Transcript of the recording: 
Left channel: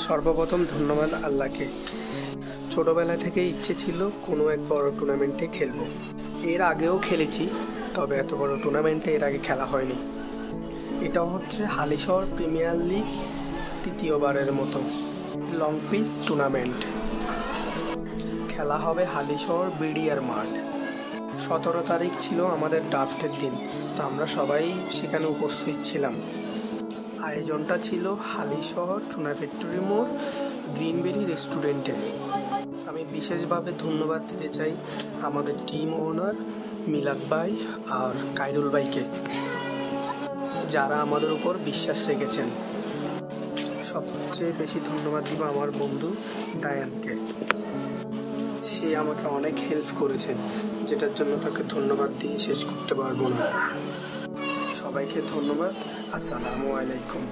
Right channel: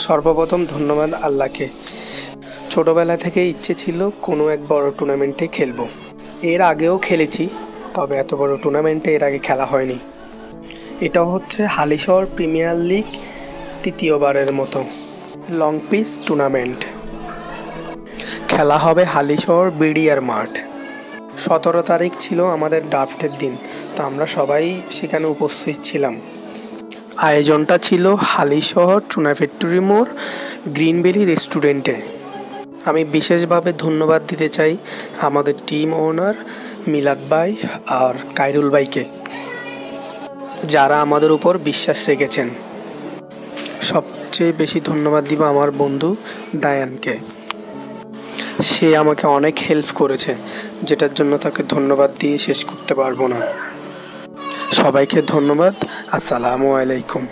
সর্বপ্রথম ধন্যবাদ আল্লাহকে। ছোটবেলা থেকে ইচ্ছে ছিল কোনো এক বড় টুর্নামেন্টে খেলবো। এর আগেও খেলেছি, তবে এত বড় টুর্নামেন্টে এর আগে খেলা হয়নি। এটা হচ্ছে হালিশহর প্রিমিয়ার লিগ তৃতীয়বারের মতো লং পিচ টুর্নামেন্ট। খেলা হবে হালিশহর বিডিআর মাঠ। 17 তারিখ ছিল আমাদের ড্রাফটের দিন, তো আমরা সবাই সেখানে উপস্থিত ছিলাম। আয়োজনটা ছিল হালিশহর চুনা ফ্যাক্টরি মোড় গ্রিনবেরি রেস্টুরেন্টে। আমি বিশেষভাবে ধন্যবাদ দিতে চাই আমাদের টিম ওনার মিলাদ ভাই আর কাইরুল ভাইকে, যারা আমাদের উপর বিশ্বাস রেখেছেন। সবচেয়ে বেশি ধন্যবাদ দিব আমার বন্ধু দায়ানকে। সে আমাকে অনেক হেল্প করেছে, যেটার জন্য তাকে ধন্যবাদ দিয়ে শেষ করতে পারবো না। সবাইকে ধন্যবাদ। আসসালামু আলাইকুম।